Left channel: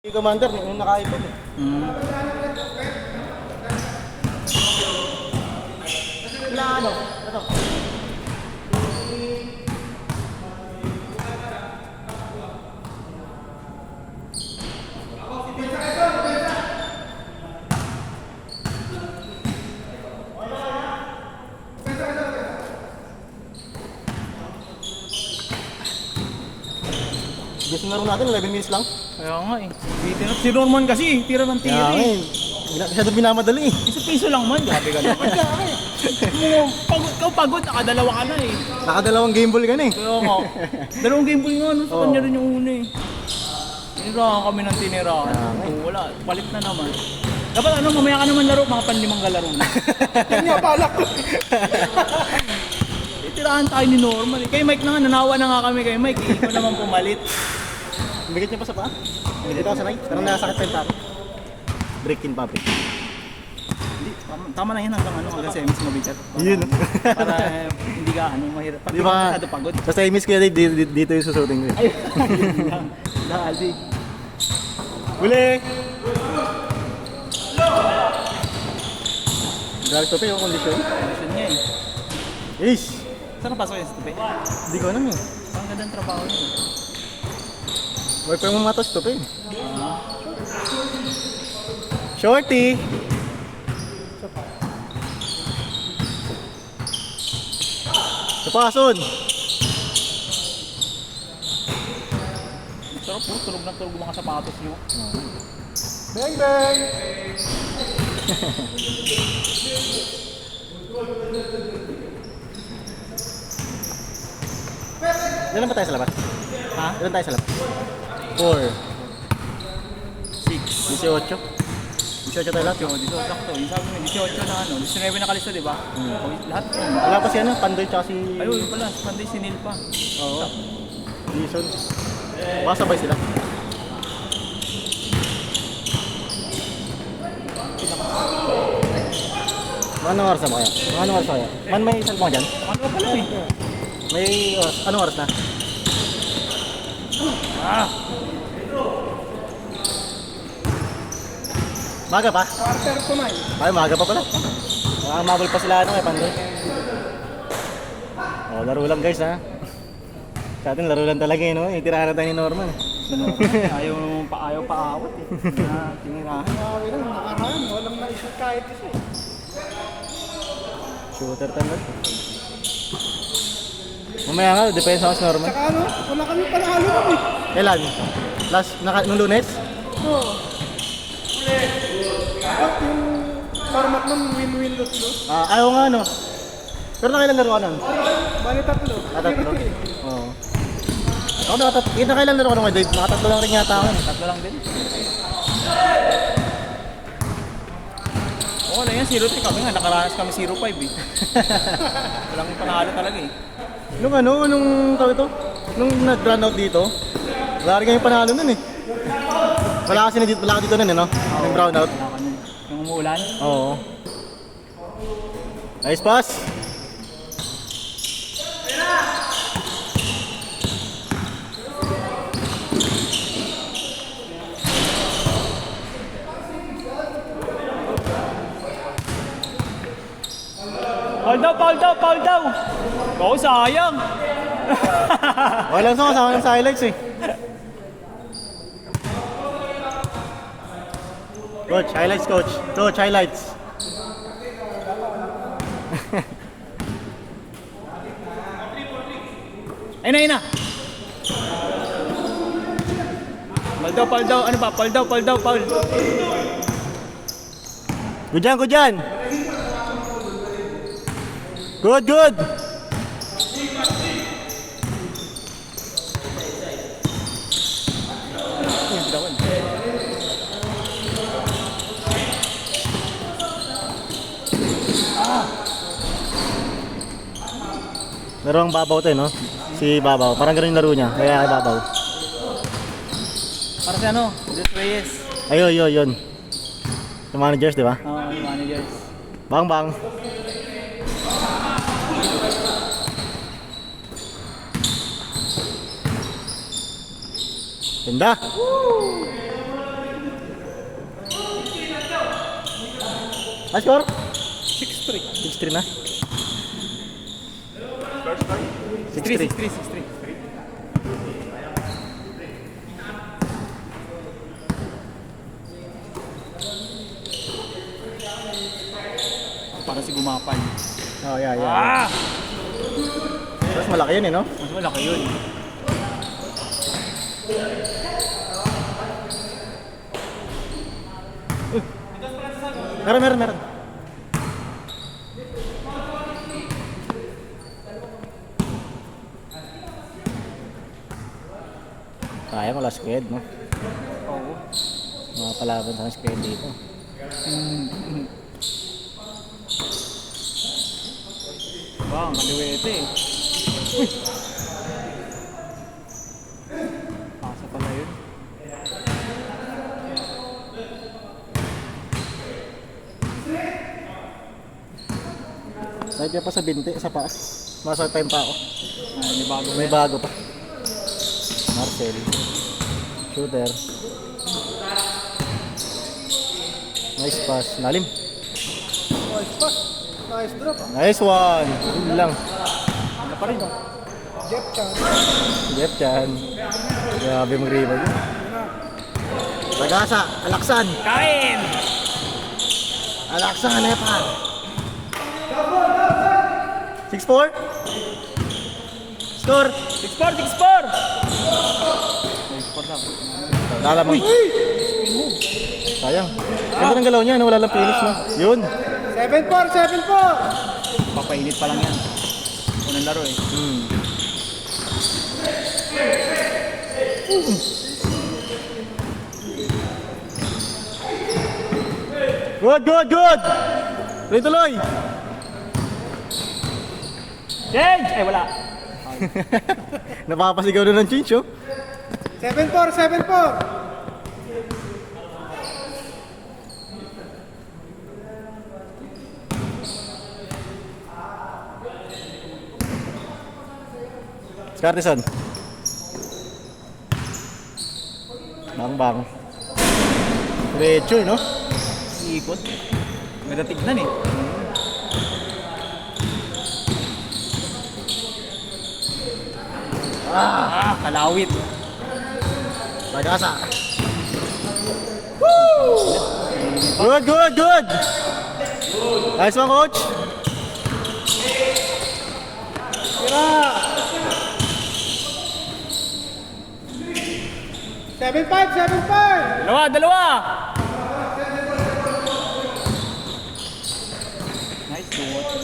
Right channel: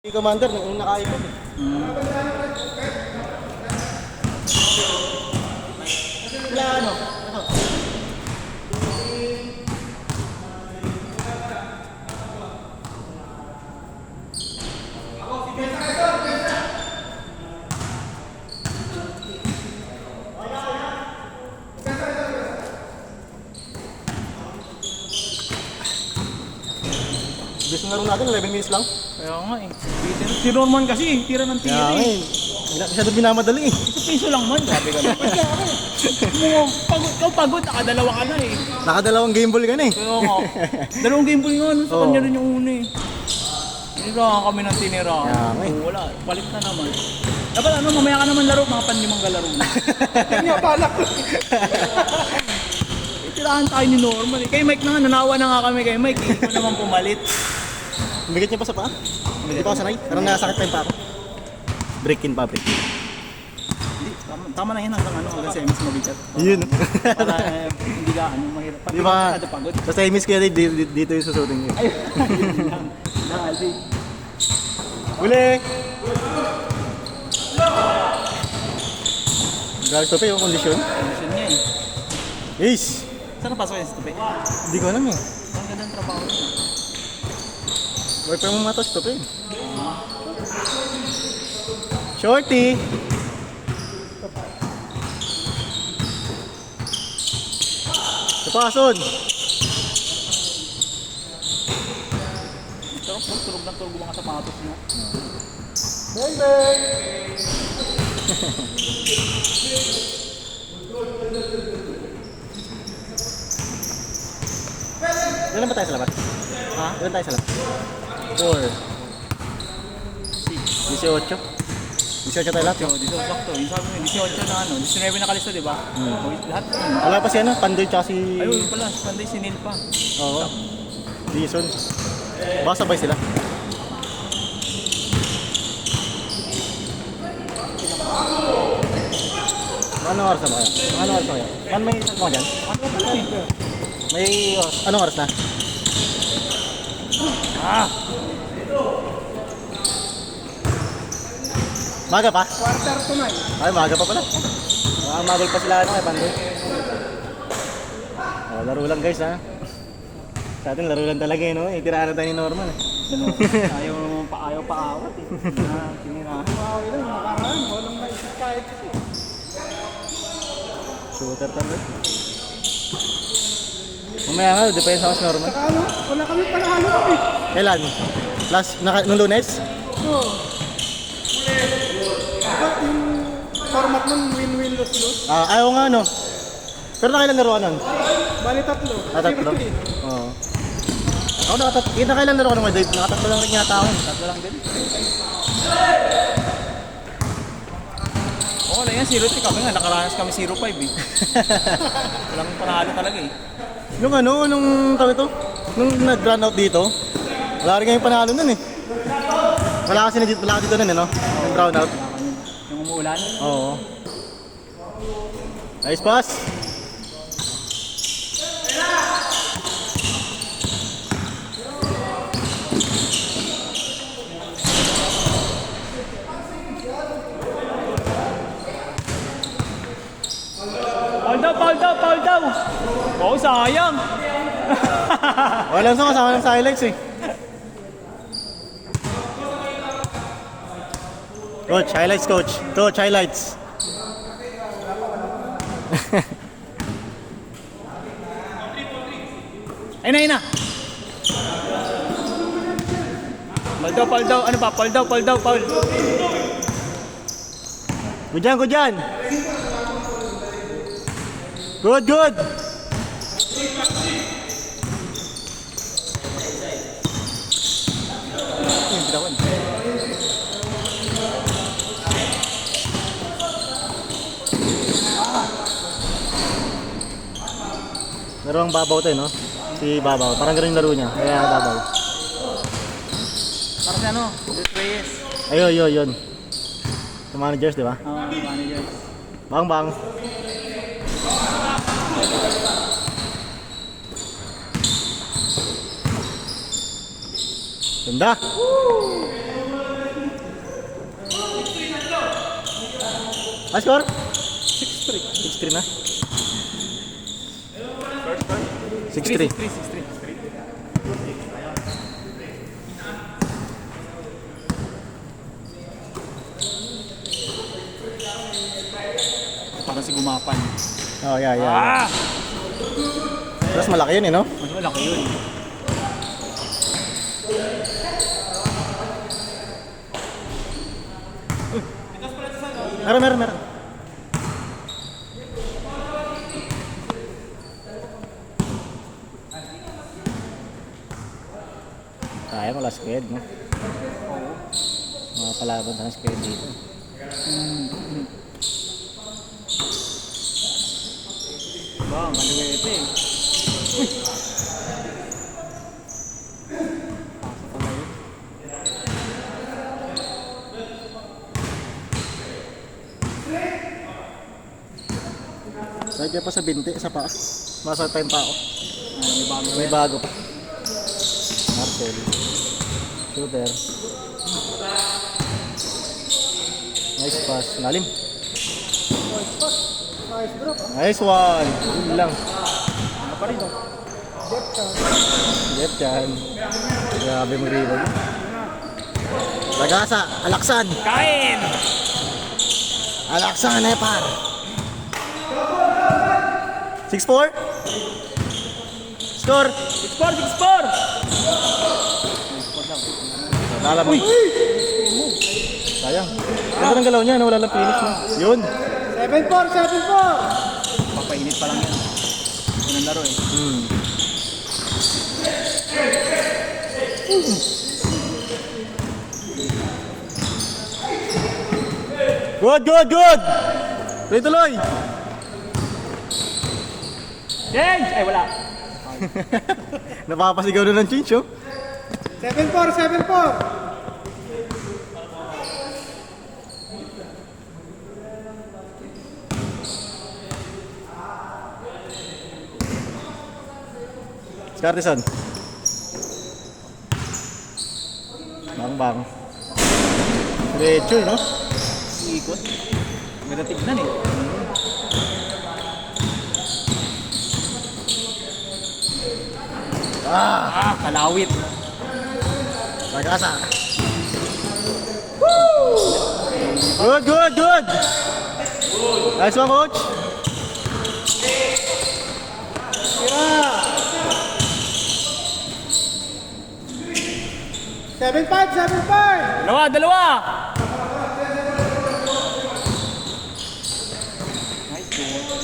Si Commander, yung nakaipon eh. Wala ano? Gusto na rin natin, 11 minutes lang. Kaya nga eh. Si Norman kasi, tira ng tira Kaya eh. masyado binamadali eh. Isang piso lang man, sabi ka na. Ikaw pagod, nakadalawa ka na eh. Nakadalawang game ball ka na eh. Kaya nga, dalawang game ball nga, no? Sa kanya rin yung una eh. Tinirahan kami ng tinirahan. Wala, palit na naman. Dapat ano, mamaya ka naman laro, mga panlimang kalaro na. Kanya balak. Tirahan tayo ni Norman eh. Kay Mike na nga, nanawa na nga kami kay Mike eh. Ikaw naman pumalit. Bigat niya pa sa paa? Hindi pa ako sanay. Parang nasakit pa yung paa ko. Break in public. Hindi, tama na yan hanggang semis mabigat. Yun. Para hindi ka mahirap. Di ba? Pagod. Basta i-miss ko yan eh, dito yung susutin ko eh. Dali. Uli! Grabe ito pa yung kondisyon. Kondisyon niya eh. Ish! Saan napasok yan sa tupi? Hindi ko alam eh. Ang ganda ng trabaho niya. Wala pa yung matos ito pa eh. Shorty! Kapason! Sarap po, tulog na tulog mga sapatos niyo. Bang bang! Ilan ba tayo sa labas? Ha? Ilan tayo sa labas? 4 18 18 tayo lahat? 8, 18, sakto. Yung sabi mo, 18 na ano, 19 na kalista, di ba? O, lahat. Ang nga pa si ano, Pandoy tsaka si... Ayun, yun pala, si Panday, si Neil pa. Oo. Jason. Baka sabay sila. Anong oras na ba kaya? Anong oras na kaya? Man, may isang mga dyan? Ano ka pala eh? May oras. Anong oras na? Ah! Maga pa? Quarter to 9. Ay, maga pa pala. Magal pa sila ano eh, Pandoy. Oh, laro lang guys ha. Sa atin laro lang talaga eh, no? Itirahan tayo ni Norman. Ayaw pa-awat eh. Tinirahan. Okay lang, makaraan. Walang na-shoot kahit isa eh. Shooter talaga. Mamaya nga, depensa ako sa Norman. Saka ano, wala kami panalo kami. Kailan? Last, nung Lunes? Oo. Yung format nun, win-win loss-loss. Ayaw nga no. Pero nakailan laro ka nun? Bali tatlo. Tatlo? Oo. Ako nakatatlo. Nakailan laro ka nun kay Dave? Nakatatlo lang rin yata ako. Tatlo lang din. Oo na yan, 0-3 kami nga. Nakaranas kami 0-5 eh. Walang panalo talaga eh. Nung ano, nung tawag ito? Nung nag-run out dito, wala rin kayong panalo nun eh. Wala kasi dito, wala ka dito nun ano? Nung brown out. Yung umuulan. Oo. Nice pass. Paul daw! Oo, sayang! Wala sa kasama ng highlights eh. Coach, highlights coach. Coach, highlights. Ayun na! Paul daw! Ano ba? Paul daw! Good yan, good yan. Good, good. Yung bitawan. Laro ang babaw to eh, no? Si Babaw. Parang ganun yung laro niya. Kaya babaw. Para si ano? Jess Reyes. Ayun, yun. Sa managers, di ba? Managers. Bang, bang. Ganda. Ah, score? 6-3. 6-3 na. First time? 6-3. 6-3. Para si Gumapal. Oh, yeah. Ah! Mas malaki yun eh, no? Mas malaki yun. Meron. Sayang wala squad, no? Mga palaban ng squad dito. Wow, maliwete eh. Pasa pala yun. Kahit pa sa binti, sa paa. Masa time pa ako. May bago May bago pa. Marcel. Shooter. Nice pass. Lalim. Nice one. Yun lang. Ano pa rin? Get yan. Grabe mong rebound. Ragasa. Alaksan. Kain! Alaksan. Nepal. 6-4. Score. 6-4! Dala mo. Sayang. Ganda ng galaw niya. Wala lang finish na. Yun. 7-4! Papainit pa lang yan. Unang laro eh. Good. Tuloy tuloy. Change! Ay wala. Napapasigaw na ng change, oh. 7-4! Scartison. Bang. Diretso, no? Iikot. May tignan eh. Kalawit. Ragasa. Good. Nice one, coach. Seven five! Dalawa! Nice ball.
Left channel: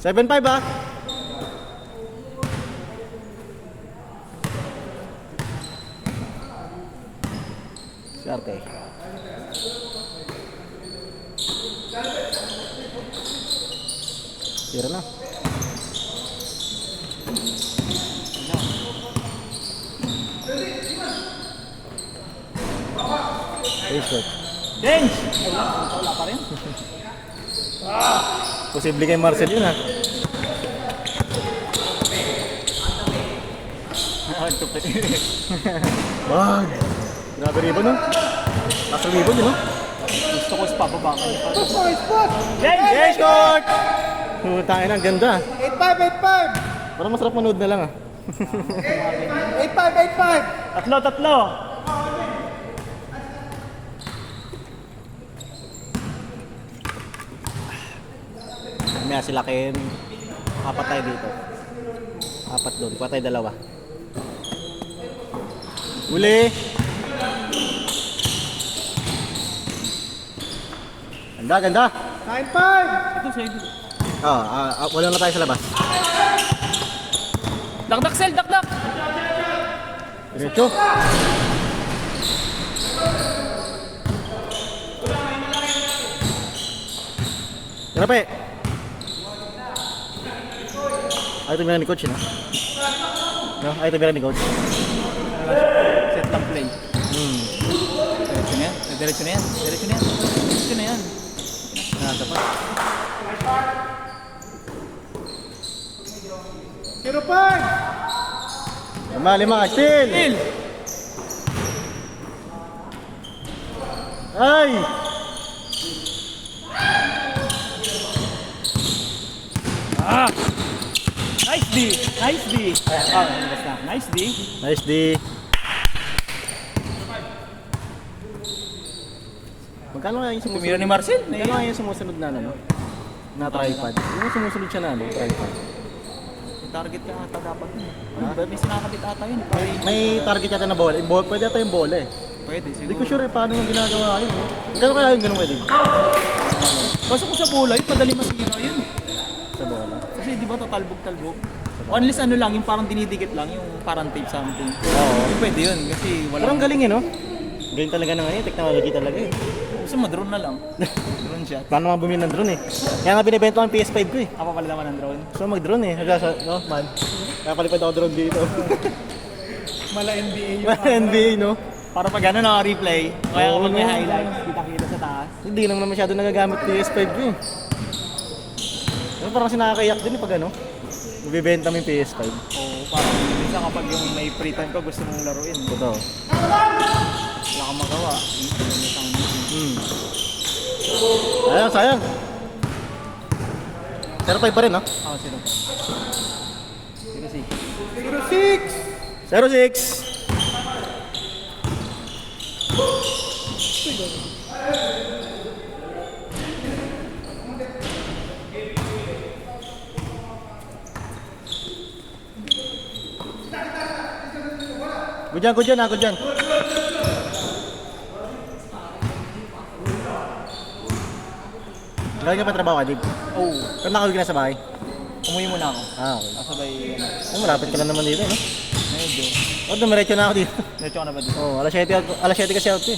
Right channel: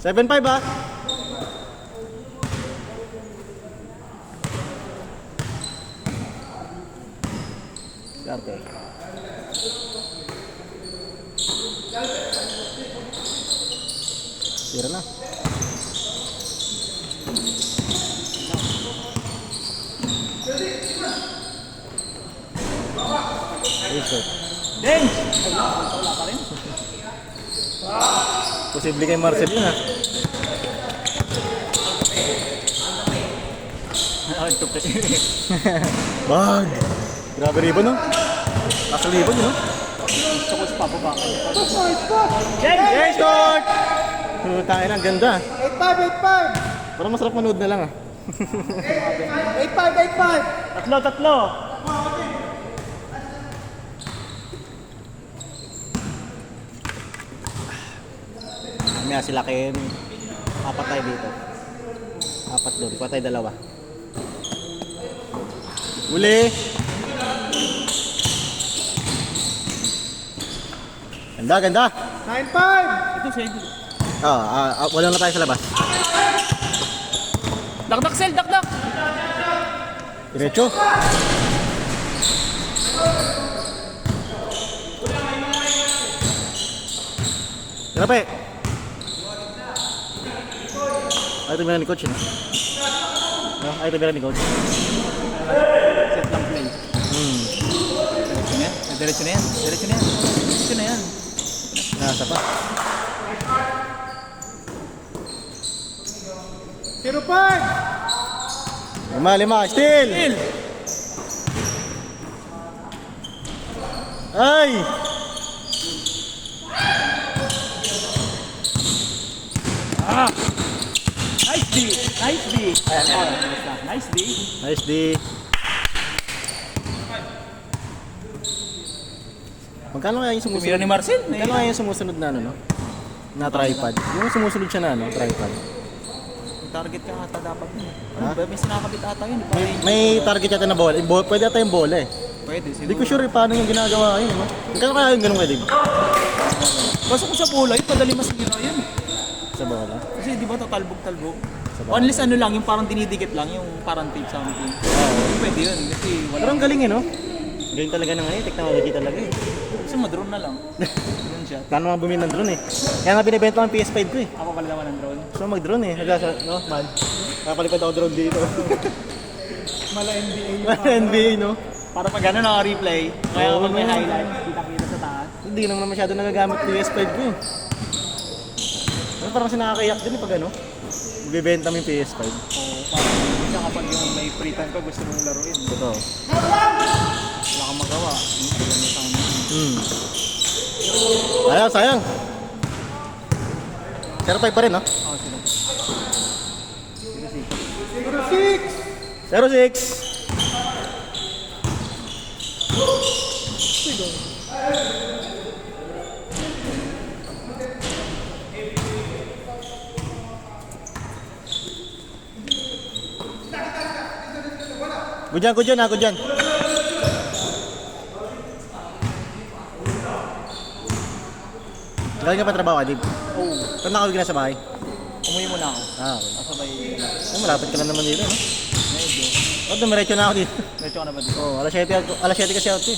7-5, ah. Sarte. Tira na. Shot. Change! Ay wala pa rin. Posible kay Marcel yun, ha? Tupit. Bag! Grabe ribon, no? Nasa ribon, no? Gusto ko pa ba? Spot! Change! Nice shot! Tayo na, ganda. 8-5! Parang masarap manood na lang, ah. 8-5! Tatlo! Mamaya sila kayo, apat tayo dito. Apat doon, kuha tayo dalawa. Uli! Ganda! 9-5! Ito siya. Wala na tayo sa labas. Dakdak, Sel! Dakdak! Diretso. Grabe! Ay, ito ni coach, no? No? Ay, ito ni coach. Set ng play. Diretso na yan. Diretso na yan. Nasa pa. 0-5! 5, still! Still! Ay! Ay! Nice D! Nice D! Nice D! Nice D. Magkano kaya yung Tumira sumusunod? ni Marcel. Magkano kaya yung sumusunod na ano, no? Na tripod. Yung sumusunod siya na ano, tripod. May target ka ata dapat yun. Ano ba? May sinakabit ata yun. Parang May target yata na bola. Pwede ata yung bola eh. pwede Hindi ko siguro. sure paano yung ginagawa ngayon. No? Magkano kaya yung ganun pwede? Basta kung sa bola yun, madali masira yun. Sa bola. Kasi di ba tatalbog-talbog? Unless ano lang, yung parang dinidikit lang, yung parang tape something. Oo. Pwede yun, kasi Pero wala. ang galing eh, no? Galing talaga na ngayon. Technology talaga eh. Kasi madrone na lang. Drone siya. Paano nga bumili ng drone eh? Kaya nga binibenta ko ang PS5 ko eh. Ako pala naman ng drone. So mag-drone eh. No, man. Napalipad ako drone dito. Mala NBA yun. NBA, no? Para pag ano naka-replay, kaya Oo, kapag may no. highlights, kita-kita sa taas. Hindi naman masyado nagagamit PS5 ko eh. Ano parang sinakakayak din eh pag ano? Magbibenta mo yung PS5. O, minsan kapag yung may free time ka, gusto mong laruin. Totoo. Wala kang magawa. Ayan, sayang. 0-5 pa rin, no? Oh, sino? Sino si? 0-6. Good dyan, good dyan. Galing ka pa trabaho, Adib? Oo. Kung nakawig ka na sa bahay? Umuwi muna ako. Okay. Kasabay, Oh, malapit ka lang naman dito, no? medyo. Oh, dumiretso na ako dito. Diretso ka na ba dito? Oh, alas 7 kasi ako.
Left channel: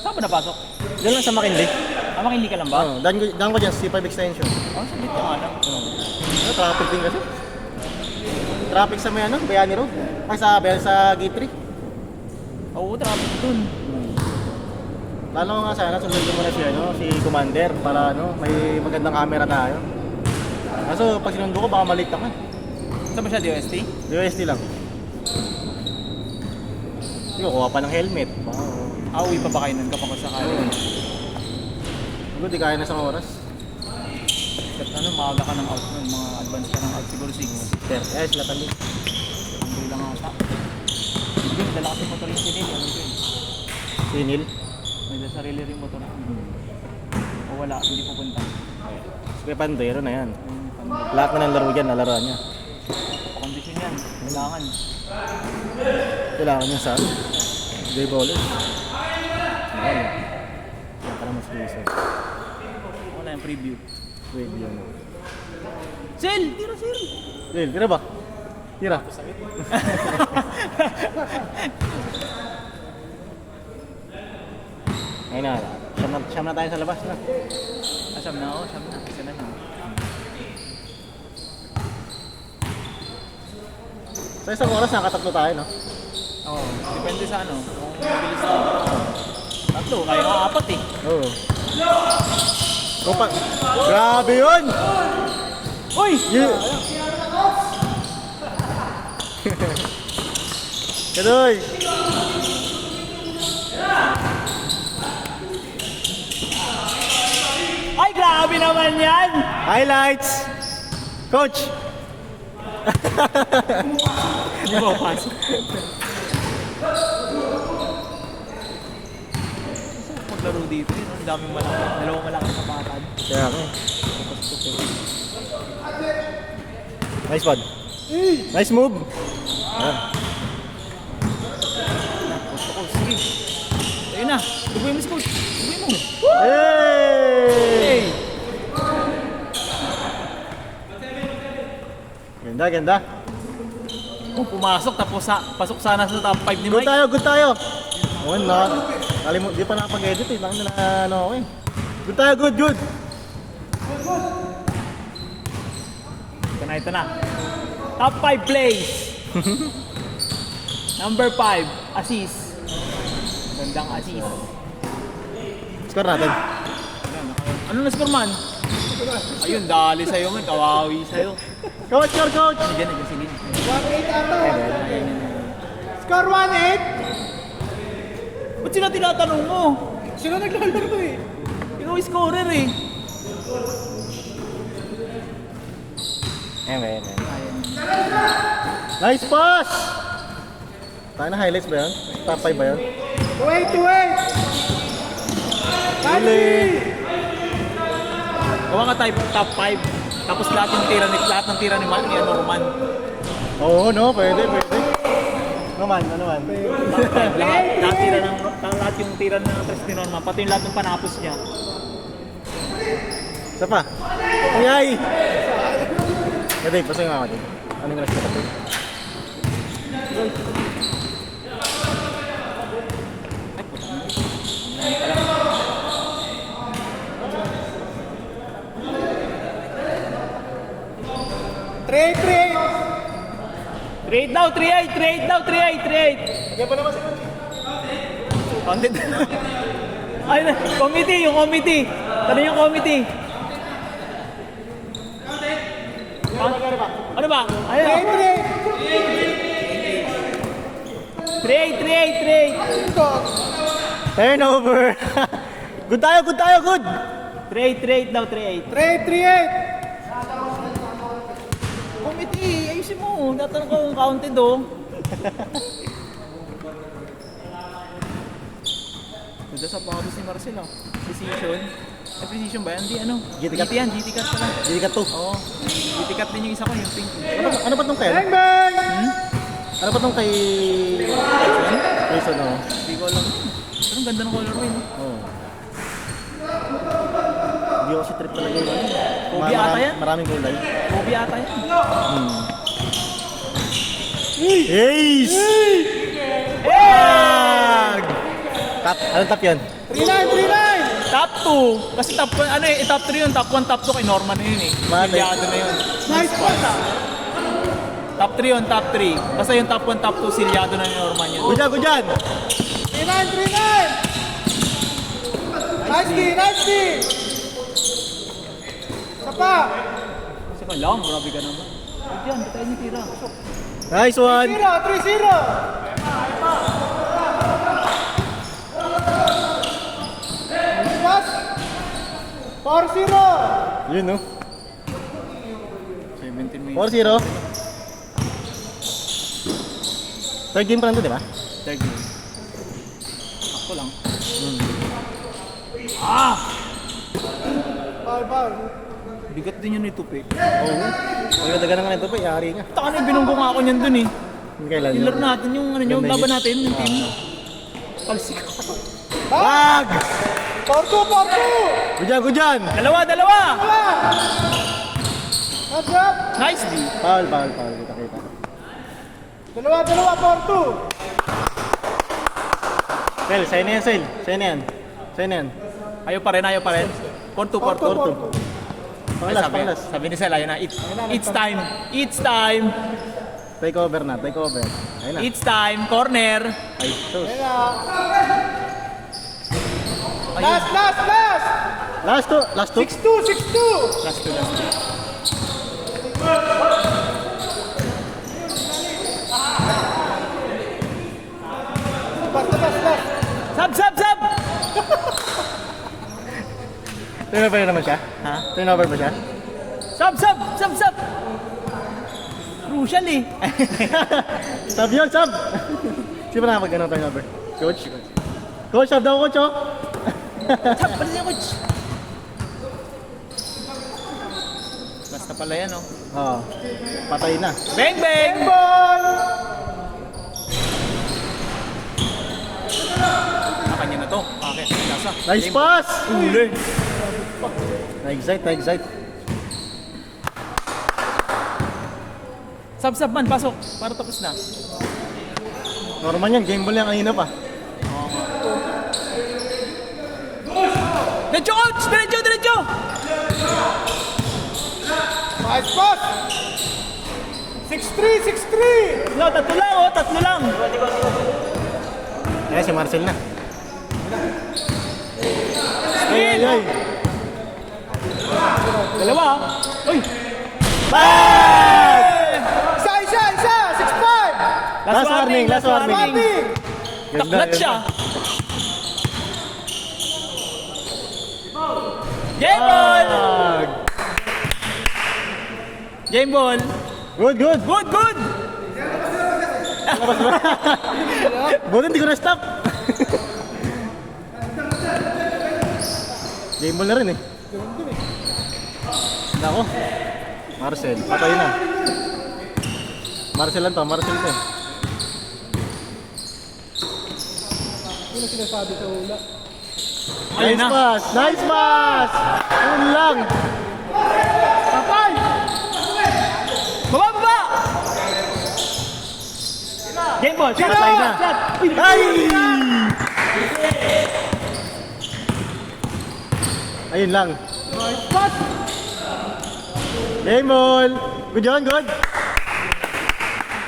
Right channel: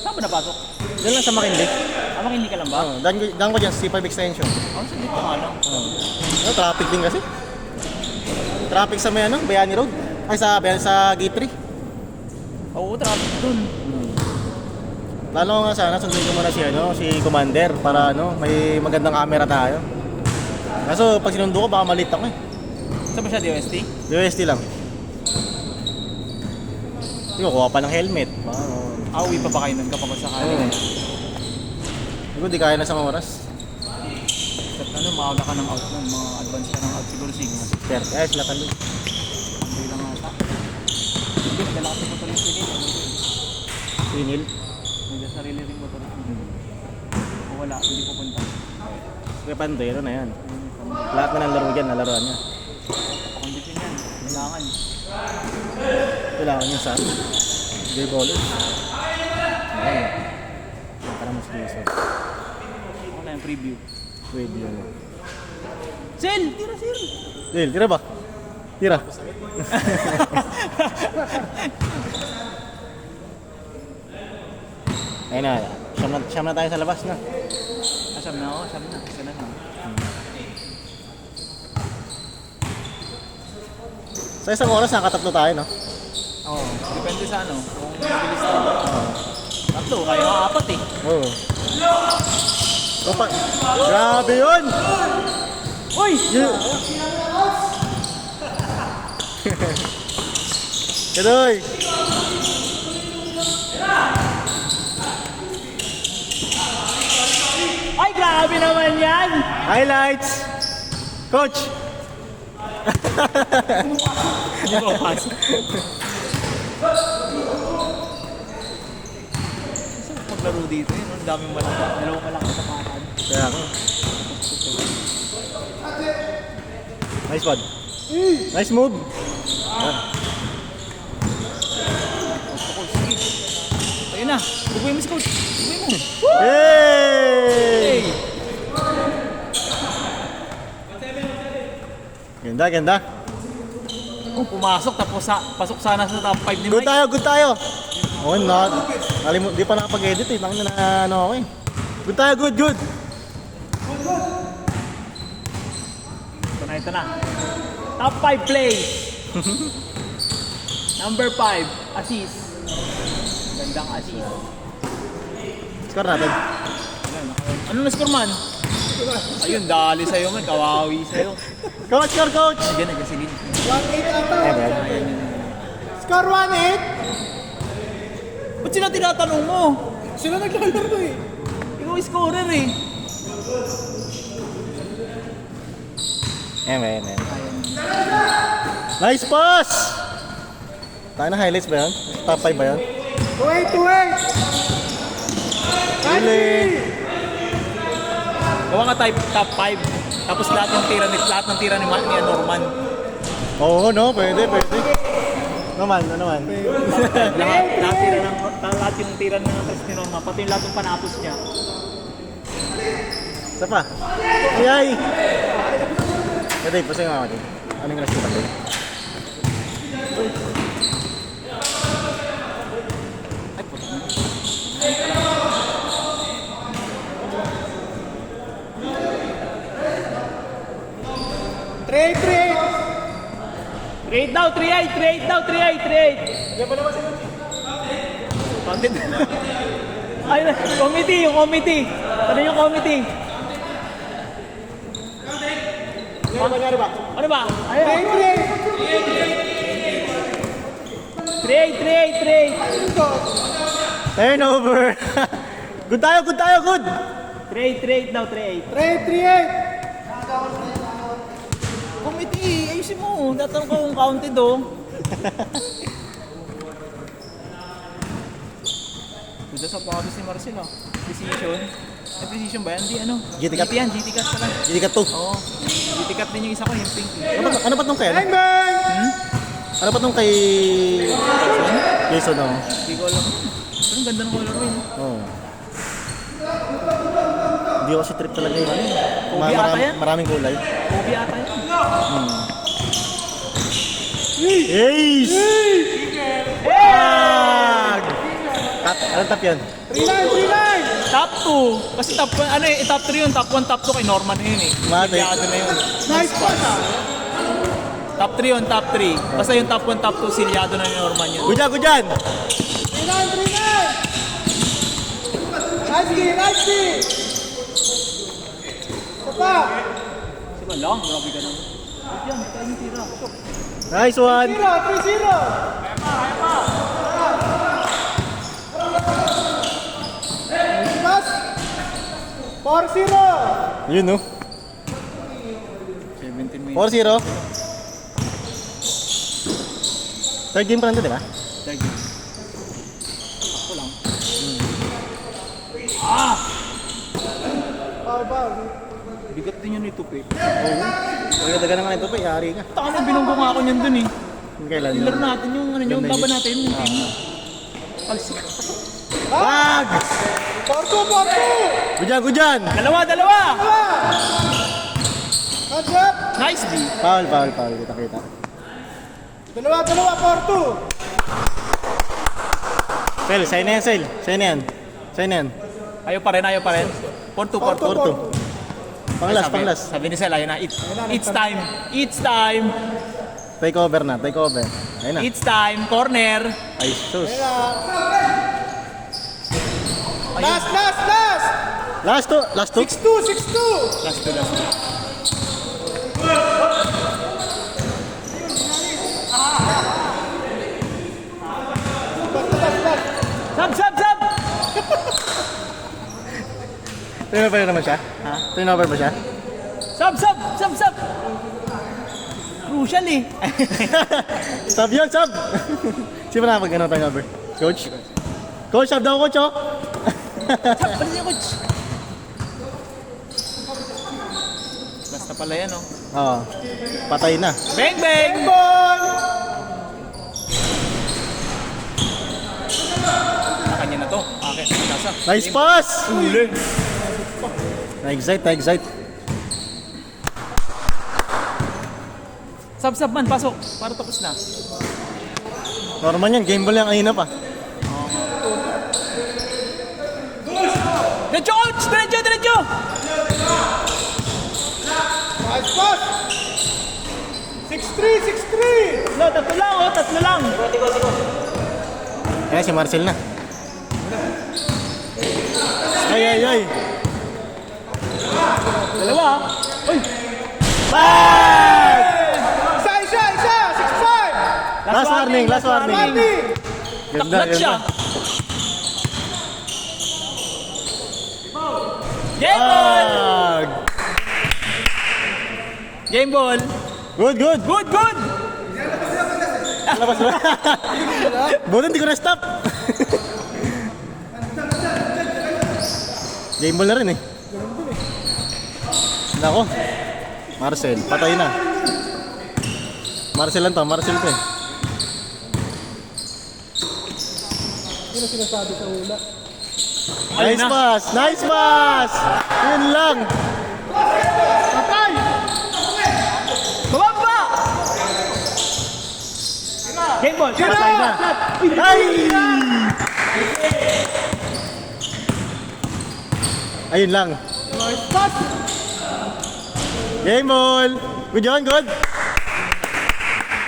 Saan ba napasok? Diyan lang sa McKinley. Tama hindi ka lang ba? Oh, daan ko dyan, C5 extension. Ang saglit ka nga lang. Oh, traffic din kasi. Traffic sa may ano, Bayani Road. Ay, sa Gate 3. Oo, traffic dun. Lalo nga sana, sundin ko muna si Commander para ano, may magandang camera tayo. Kaso pag sinundo ko, baka malit ako eh. Saan ba siya, DOST? UST lang. Hindi ko, kuha pa ng helmet. Uwi pa ba kayo nun kapag sakali? Siguro di kaya na sa oras. At ano, maaga ka ng out nun, mga advance ka ng out, siguro 6. Pero, ay, sila kami. Hindi lang ata. Hindi, dala kasi motor yung sinil. Sinil. May sarili ring motor. O wala, hindi pupunta. Kaya pandero na yan. Lahat na ng laro dyan, nalaroan niya. Kondisyon yan, kailangan. Kailangan niya sa J-Baller. Ayan. Yan, para mas diesel. Wala yung preview. Pwede yun. Sel! Tira, Sel! Dale, tira ba? Tira. Ayun na. Siyam na tayo sa labas na. Siyam na ako, siyam na. Isa na lang. Sa isang oras, nakatatlo tayo, no? Oo, depende sa ano, kung mabilis na. Tatlo, kayo nga apat eh. Oo. Opa. Grabe yun! Uy! Kadoy! Ay, grabe naman yan! Highlights! Coach! Hindi ba pasok? Maglaro dito eh, no? Ang daming malaki. Dalawang malaki sa bakad. Kaya ako. Nice one. Nice move. Oh. Ayun na, dugoy mo si coach. Dugoy mo. Hey! Hey! Ganda, ganda. Kung pumasok, tapos pasok sana sa top 5 ni Good Mike. tayo, good tayo. Oh, no. Di pa nakapag-edit eh. Bakit na ano ako eh. Good tayo, good, good. Ito na. Top 5 plays. Number 5, assist. Gandang assist. Score natin. Ano na score man? Ayun, dali sa'yo man. Kawawi sa'yo. Coach, score, coach. Ano dyan, nagkasilin. 1-8 ata. Ayan yun. Score 1-8. Ba't sila tinatanong mo? Sila naglalaro eh. Ikaw scorer eh. Ayan. Ayan. Nice pass! Tayo na highlights ba yan? Top 5 ba yan? Wait! Huli! Gawa ka type top 5. Tapos lahat ng tira ni Norman. Oo, no? Pwede. Naman. Lahat yung tira na tapos ni Norman. Pati yung lahat ng panapos niya. Isa pa. Ay! Dave, pasay nga ako dito. Ano yung nasa doon? Ay, puta mo. Trade! Trade daw, 3-8. Yan pa naman sa Bandit. Ay, yung committee. Tara yung committee. Ano ba? Ayun. Trade. Turnover! Good tayo! Trade daw, 3-8. Trade! Committee, ayusin mo. Tatanong ko kung counted oh. Doon sa pangabis ni Marcel oh. Precision. Ay, precision ba yan? Di ano? GT cut. GT cut pala. Hindi ka to. Oo. GT cut din yung isa ko, yung pink. Ano ba tong kay? Bang bang! Ano ba tong kay... Jason naman. Hindi ko alam. Pero ang ganda ng colorway no? Oo. Hindi ako si trip talaga yun. Kobe ata yan? Maraming kulay. Kobe ata yan. Ace! Bag! Anong top yan? 3-9! Top 2. Kasi top 1, ano eh, top 3 yun, top 1, top 2 kay Norman na yun eh. Silyado na yun. Nice pass! Top 3 yun, top 3. Basta yung top 1, top 2, silyado na ni Norman yun. Good dyan! 3-9! Nice D! Sapa! Sige lang, grabe ka naman. Yan, tayo yung tira. Nice one! 3-0! Pass! 4-0! Yun no? 17 minutes. 4-0. Third game pa lang to, di ba? Tag. Ito lang. Bigat din yun ito, Pe. Oo. Pagkadaga naman ito pa, yari ka. Taka na, binunggo nga ako niyan dun eh. Kailan Yung lag natin, yung ano yung Ganda laban yun. natin, yung team. Palsik. Wag! 4-2! Good dyan! Dalawa! Hands up! Nice D. Foul. Kita. Dalawa, 4-2! Sel, sa'yo na yan, Sel. Sa'yo na yan. Ayaw pa rin. 4-2. Panglas, Ay, panglas. sabi ni Sel, ayun na. It's time. Take over. Ayun na. It's time. Corner. Ay, sus. Ayun. Last! Last two. 6-2! Last two. Sab! Turnover naman siya? Ha? Turnover ba siya? Sab! Crucial eh. Sab yun, sab! Sino na mag turnover? Coach? Coach, sab daw, coach, oh! Sab, pala niya, coach. Basta pala yan, oh. Oo. Patay na. Bang! Kanya na to. Bakit? Kasa. Nice pass! Uli. Na-excite. Sab man, pasok. Para tapos na. Normal yan, game ball yung kanina pa. Oo nga. Diretso, coach! Diretso! Nice pass! 6-3! No, tatlo lang. Kaya si Marcel na. Ay! Dalawa. Uy! Bag! Isa! 6-5! Last warning. Warning! Ganda, Taklat siya. Game ball! Tag! Game ball! Good, good! Good, good! Buti hindi ko na-stop. Game ball na rin eh. Nako. Marcel, patay na. Marcel lang to, Marcel to. Ayun Nice na. pass! Nice pass! Yun lang! Patay! Bumaba! Game ball! Game Patay na! Ay! Ayun lang. Game ball! Good yun, good!